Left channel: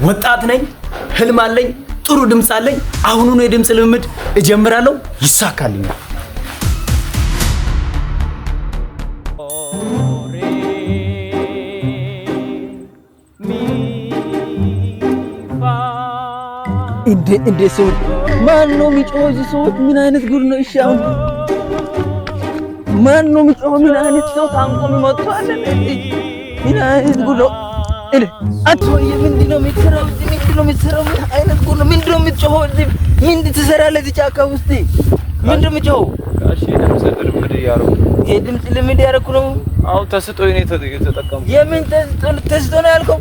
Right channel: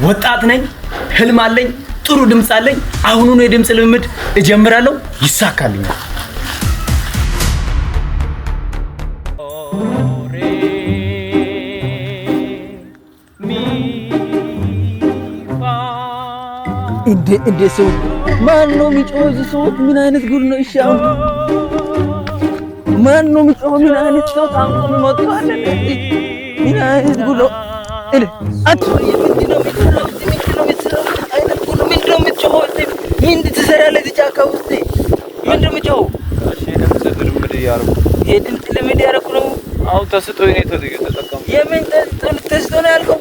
ወጣት ነኝ፣ ህልም አለኝ፣ ጥሩ ድምጽ አለኝ። አሁኑኑ የድምጽ ልምምድ እጀምራለሁ፣ ይሳካልኛል። እንዴ ሰዎች ማን ነው የሚጮኸው? እዚህ ሰዎች ምን አይነት ጉድ ነው? እሺ አሁን ማን ነው የሚጮኸው? ምን አይነት ሰው ታንቆ የሚመጣው አለ? ምን አይነት ጉድ ነው? ምን ትሰራለህ እዚህ ጫካ ውስጥ? ምንድን ነው የምትጮኸው? የድምፅ ልምምድ እያደረኩ ነው። አዎ ተስጦ ነው የተጠቀምኩት። የምን ተስጦ ነው ያልከው?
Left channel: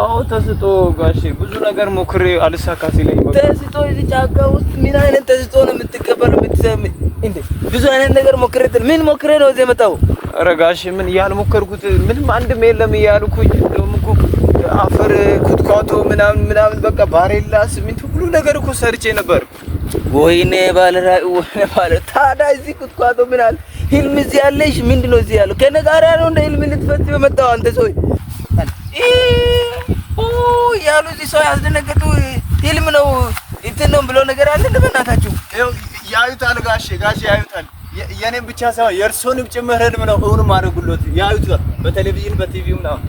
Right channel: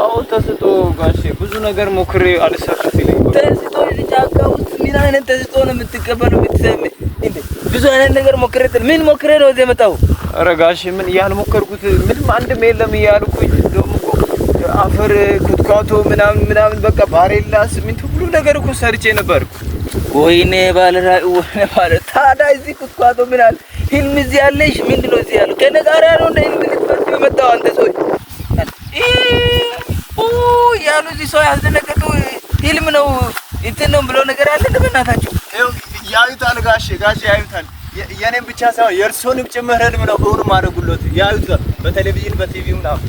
አዎ ተስጦ ጋሼ፣ ብዙ ነገር ሞክሬ አልሳካ ሲለኝ ተስጦ እዚህ ጫካ ውስጥ ምን አይነት ተስጦ ነው የምትቀበለው? እንዴ ብዙ አይነት ነገር ሞክሬ ምን ሞክሬ ነው እዚህ የመጣው? ኧረ ጋሼ ምን ያልሞከርኩት ምንም አንድም የለም እያልኩኝ ደግሞ እኮ አፈር ኩትኳቶ ምናምን በቃ ባሬላ ሲሚንቶ ሁሉ ነገር እኮ ሰርቼ ነበር። ወይኔ ባለራይ ወይኔ ባለ ታዲያ እዚህ ኩትኳቶ ምን አለ? ህልም እዚህ ያለሽ ምንድን ነው እዚህ ያለው? ከእኔ ጋር ያለው እንደ ህልም ልትፈጽም የመጣው አንተ ሰው ያሉ እዚህ ሰው ያስደነገጡ ህልም ነው እንትን ነው ብሎ ነገር አለ። ለበናታችሁ ያዩታል ጋሼ ያዩታል። የኔም ብቻ ሳይሆን የእርሶንም ጭምር ህልም ነው እውን ማድረጉለት ያዩታል። በቴሌቪዥን በቲቪው ምናምን